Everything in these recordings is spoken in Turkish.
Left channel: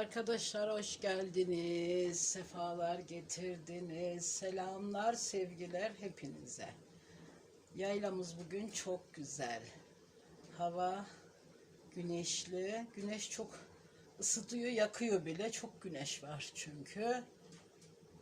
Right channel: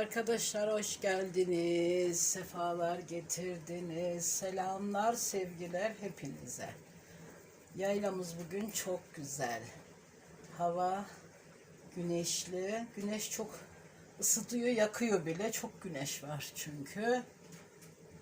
Arkadaşlar hoş geldiniz. Sefalar getirdiniz. Selamlar, sevgiler hepinize. Yaylamız bugün çok güzel. Hava güneşli. Güneş çok ısıtıyor, yakıyor bile. Çok güneş var çünkü.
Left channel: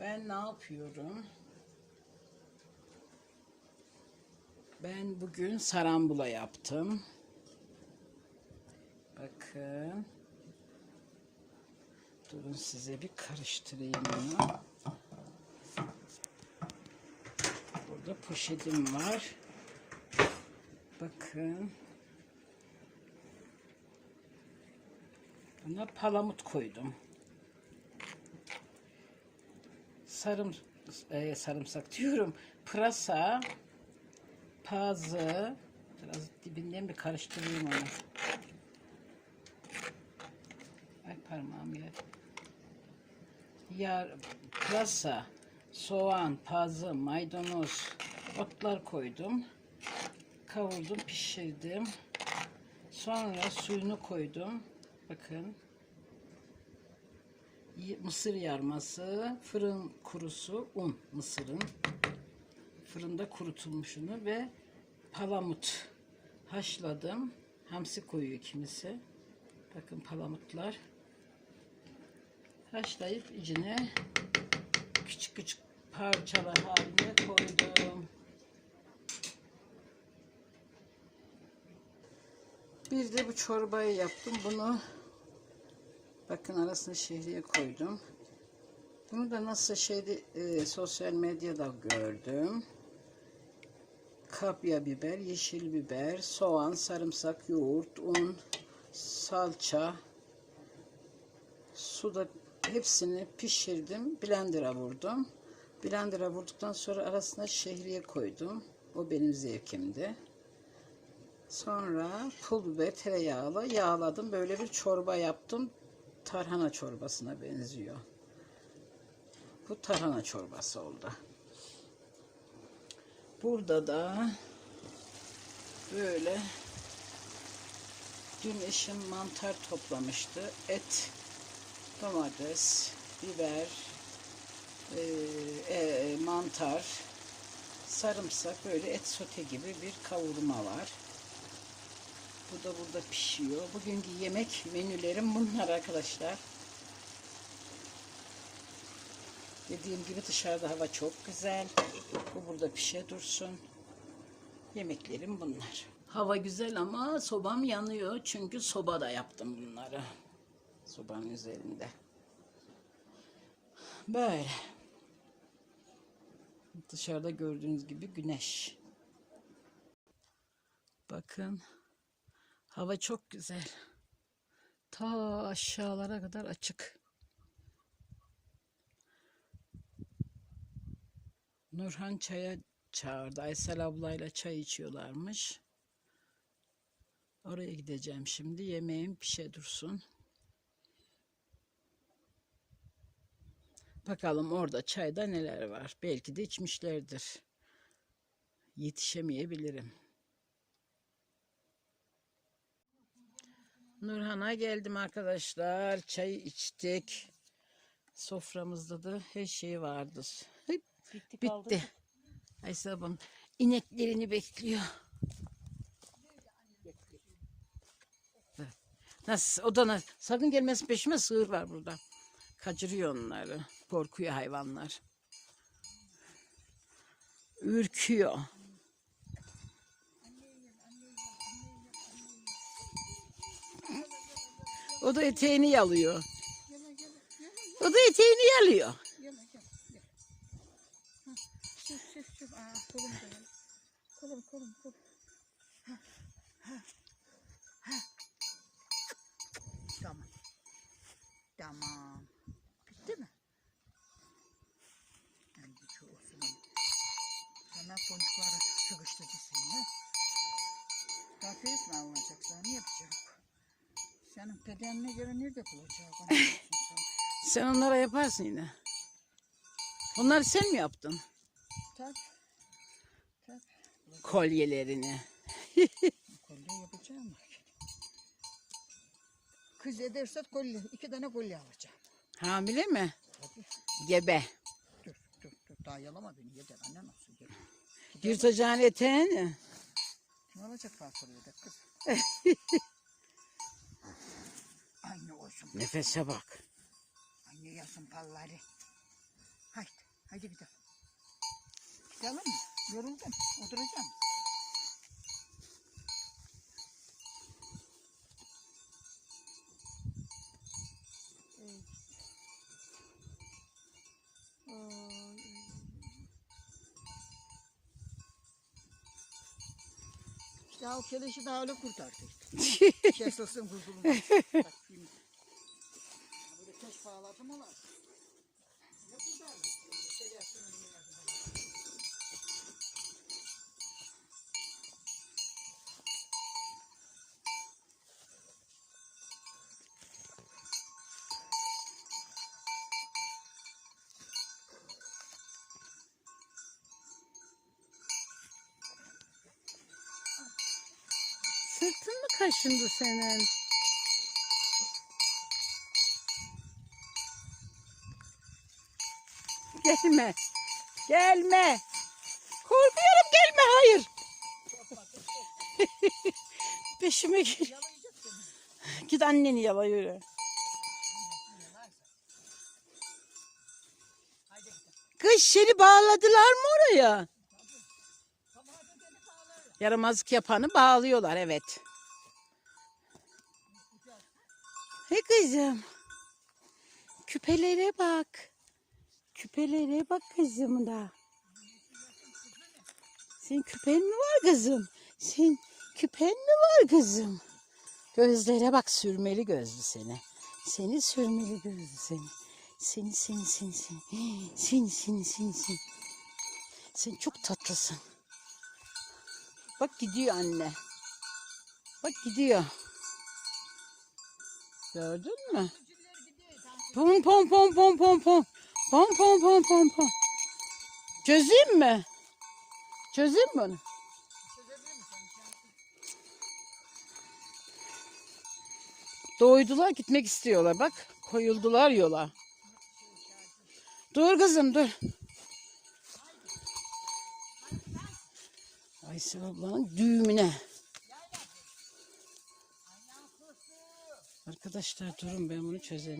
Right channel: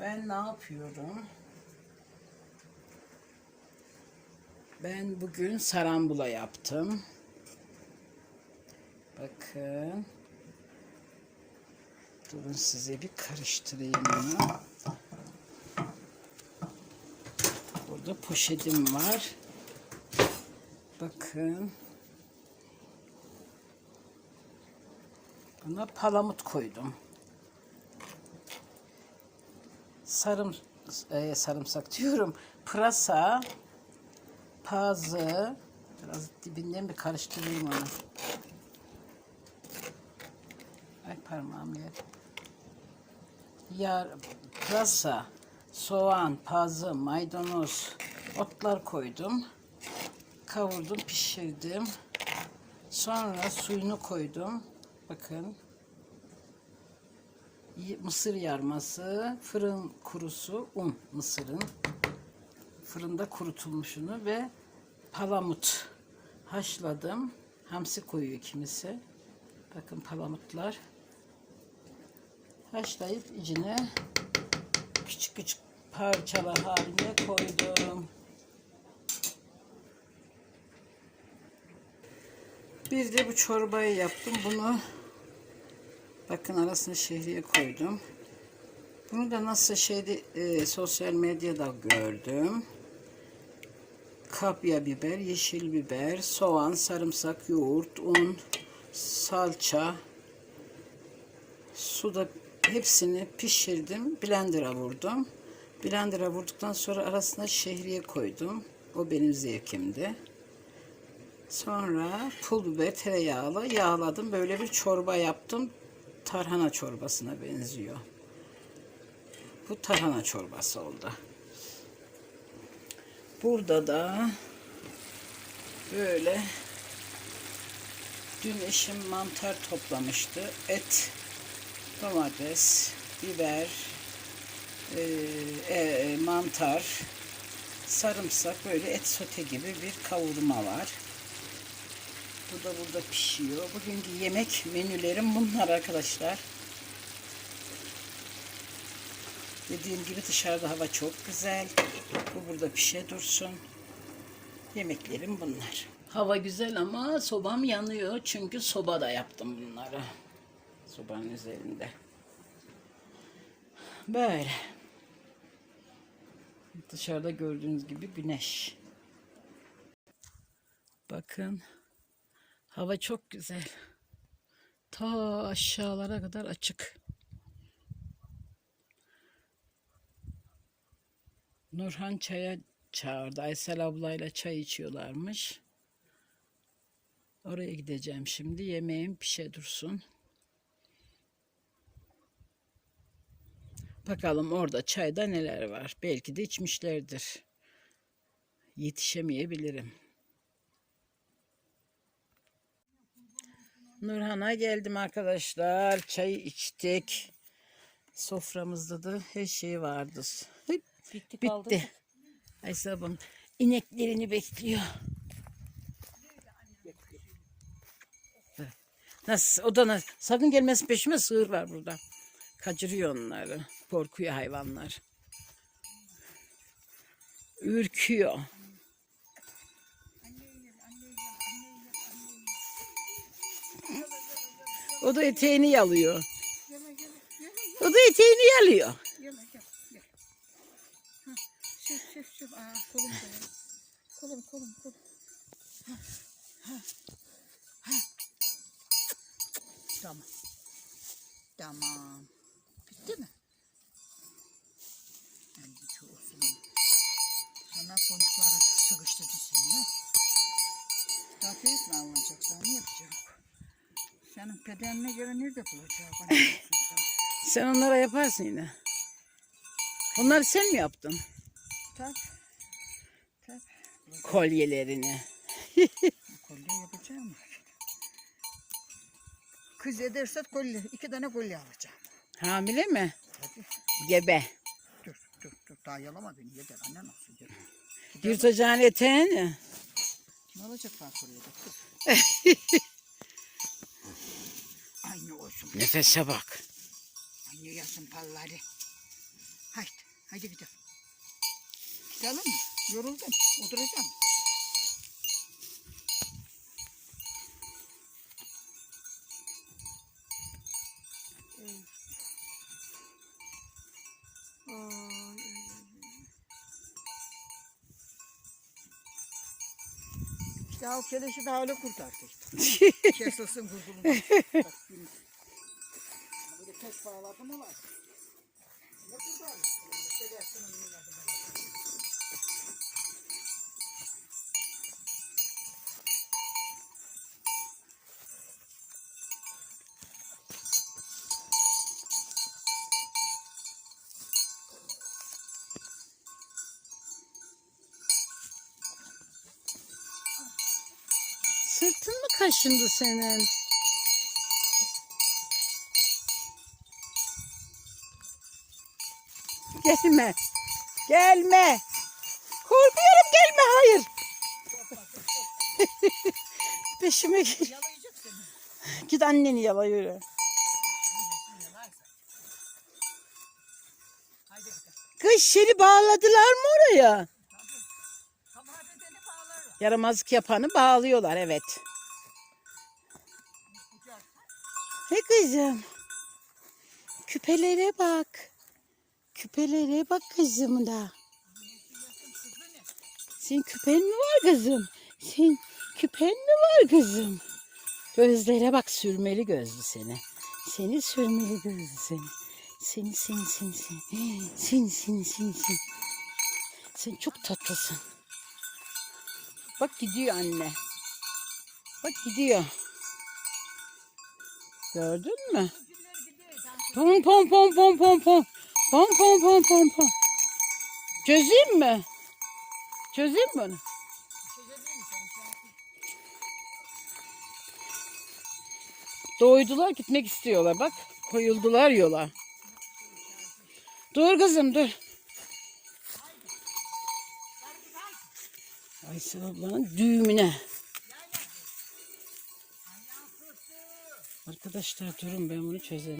Ben ne yapıyorum? Ben bugün sarambula yaptım. Bakın. Durun size bir karıştırayım onu. Burada poşetim var. Bakın. Buna palamut koydum. Sarım e, sarımsak diyorum. Pırasa, pazı, biraz dibinden bir karıştırayım onu. Ay parmağım yer. Yar, pırasa, soğan, pazı, maydanoz, otlar koydum. Kavurdum, pişirdim. Sonra suyunu koydum. Bakın. Mısır yarması, fırın kurusu, un mısırın. Fırında kurutulmuşunu ve palamut haşladım. Hamsi koyuyor kimisi. Bakın palamutlar haşlayıp içine küçük küçük parçalar halinde koydum. Bir de bu çorbayı yaptım. Bunu bakın arasına şehriye koydum. Bunu da nasıl şeyde e, sosyal medyada gördüm. Kapya biber, yeşil biber, soğan, sarımsak, yoğurt, un, salça, suda hepsini pişirdim. Blender'a vurdum. Blender'a vurduktan sonra arasına şehriye koydum. O benim zevkimdi. Sonra pul biber tereyağlı yağladım. Böyle bir çorba yaptım. Tarhana çorbasına benziyor. Bu tarhana çorbası oldu. Burada da böyle dün eşim mantar toplamıştı. Et domates, biber, e, e, mantar, sarımsak böyle et sote gibi bir kavurma var. Bu da burada pişiyor. Bugünkü yemek menülerim bunlar arkadaşlar. Dediğim gibi dışarıda hava çok güzel. Bu burada pişe dursun. Yemeklerim bunlar. Hava güzel ama sobam yanıyor. Çünkü sobada yaptım bunları sobanın üzerinde. Böyle. Dışarıda gördüğünüz gibi güneş. Bakın. Hava çok güzel. Ta aşağılara kadar açık. Nurhan çaya çağırdı. Aysel ablayla çay içiyorlarmış. Oraya gideceğim şimdi. Yemeğim pişe dursun. Bakalım orada çayda neler var. Belki de içmişlerdir. Yetişemeyebilirim. Nurhan'a geldim arkadaşlar. Çayı içtik. Soframızda da her şey vardı. Hep Bitti bitti. Aysel ablam ineklerini bekliyor. Nasıl? O da nasıl? Sakın gelmesin peşime sığır var burada. Kaçırıyor onları. Korkuyor hayvanlar. Ürküyor. O da eteğini yalıyor. O da eteğini yalıyor. Bedenine göre nerede bulacak? Sen. Onlara yaparsın yine. Onları sen mi yaptın? Tak. Tak. Kolyelerini. Kolye yapacağım. Kız ederse kolye, iki tane kolye alacağım. Hamile mi? Hadi Gebe. dur dur dur daha yalama beni yeter annen olsun yeter. Yırtacağın eteğini. Ne olacak fasulye de kız? Nefese bak. Aynı yasın palları. Haydi haydi gidelim. Gidelim mi? Yoruldum oturacağım. İşte o keleşi daha öyle kurtardı işte. Kesilsin kurtulur. Bak şimdi. Bir de bana. Sırtın mı kaşındı senin? Gelme. Gelme. Korkuyorum gelme hayır. Peşime seni. Git anneni yala. Kız seni bağladılar mı oraya? Yaramazlık yapanı bağlıyorlar evet. He kızım. Küpelere bak. Küpelere bak kızım da. Senin küpen mi var kızım? Senin küpen mi var kızım? Gözlere bak sürmeli gözlü seni. Seni sürmeli gözlü seni. Seni seni seni seni. Seni seni seni seni. Sen çok tatlısın. Bak gidiyor anne. Bak gidiyor. Gördün mü? Pom pom pom pom pom pom. Pom pom pom pom pom. Çözeyim mi? Çözeyim mi onu? Doydular gitmek istiyorlar bak. Koyuldular yola. Dur kızım dur. Aysel ablanın düğümüne. Arkadaşlar durun ben bunu çözerim.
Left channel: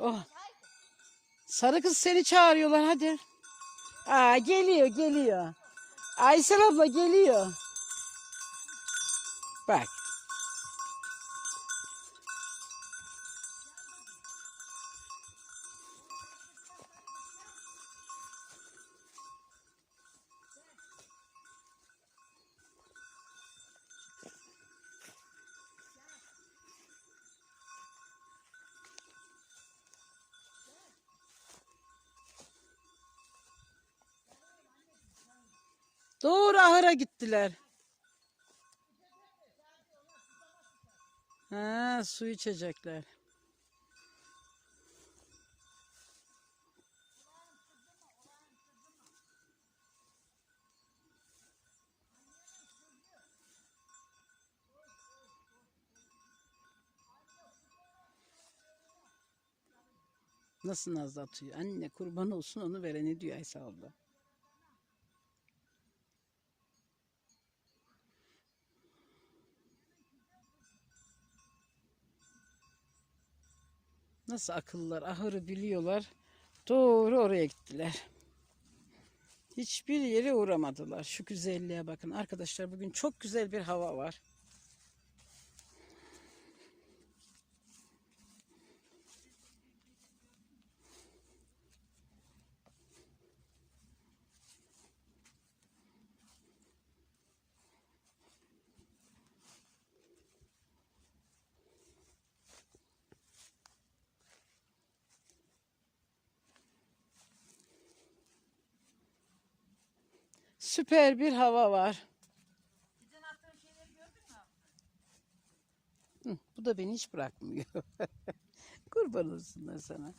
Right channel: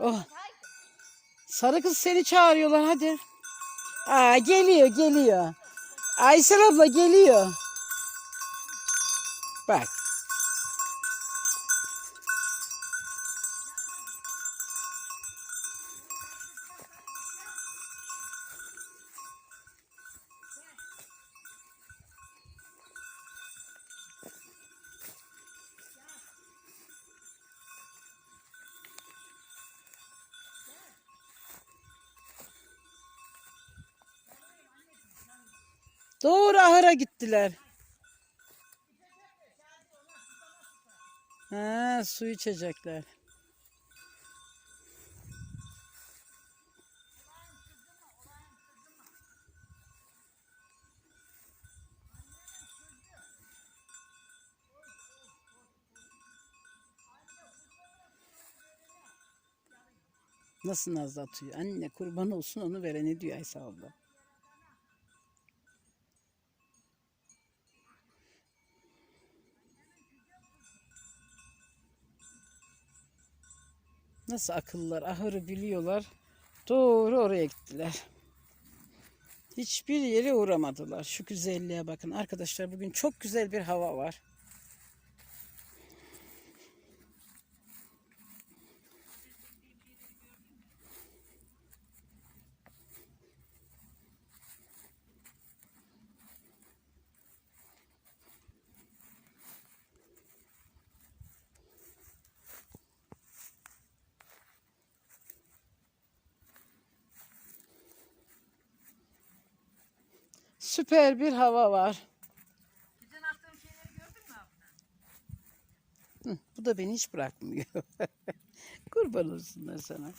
Oh. Sarı kız seni çağırıyorlar hadi. Aa geliyor geliyor. Aysel abla geliyor. Bak. Doğru ahıra gittiler. Ha, su içecekler. Nasıl nazlı atıyor? Anne kurban olsun onu verene diyor Aysa abla. Nasıl akıllılar ahırı biliyorlar. Doğru oraya gittiler. Hiçbir yere uğramadılar. Şu güzelliğe bakın. Arkadaşlar bugün çok güzel bir hava var. Süper bir hava var. Geçen attığım şeyleri gördün mü abla? Bu da beni hiç bırakmıyor. Kurban olsunlar sana.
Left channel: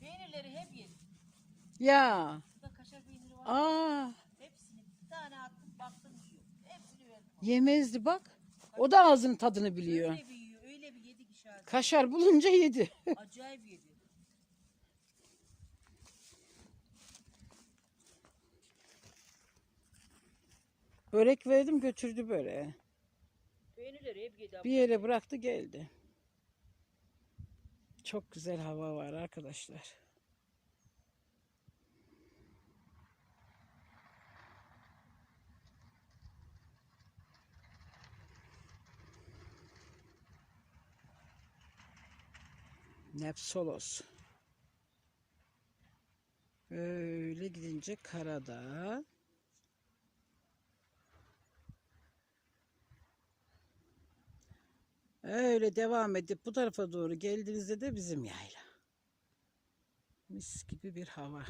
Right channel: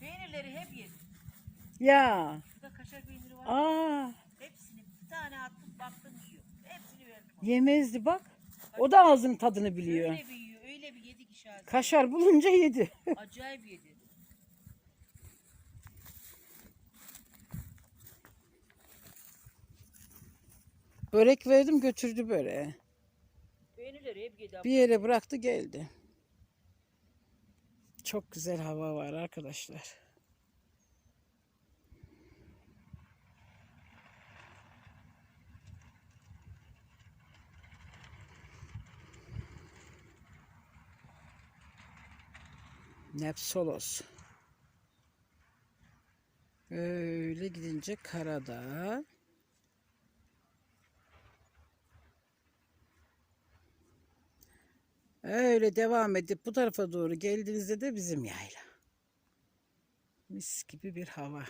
Peynirleri hep yedim. Ya. Burada kaşar peyniri var. Aa, Hepsini bir tane attım baktım yiyor. Hepsini verdim. yemezdi bak. O da ağzının tadını biliyor. Öyle bir yiyor. Öyle bir yedi ki şahane. Kaşar bulunca yedi. Acayip yedi. Börek verdim götürdü böreği. Peynirleri hep yedi. Bir yere bıraktı geldi. Çok güzel hava var arkadaşlar. Nepsolos. Öyle gidince Karadağ. Öyle devam edip bu tarafa doğru geldiğinizde de bizim yayla. Mis gibi bir hava.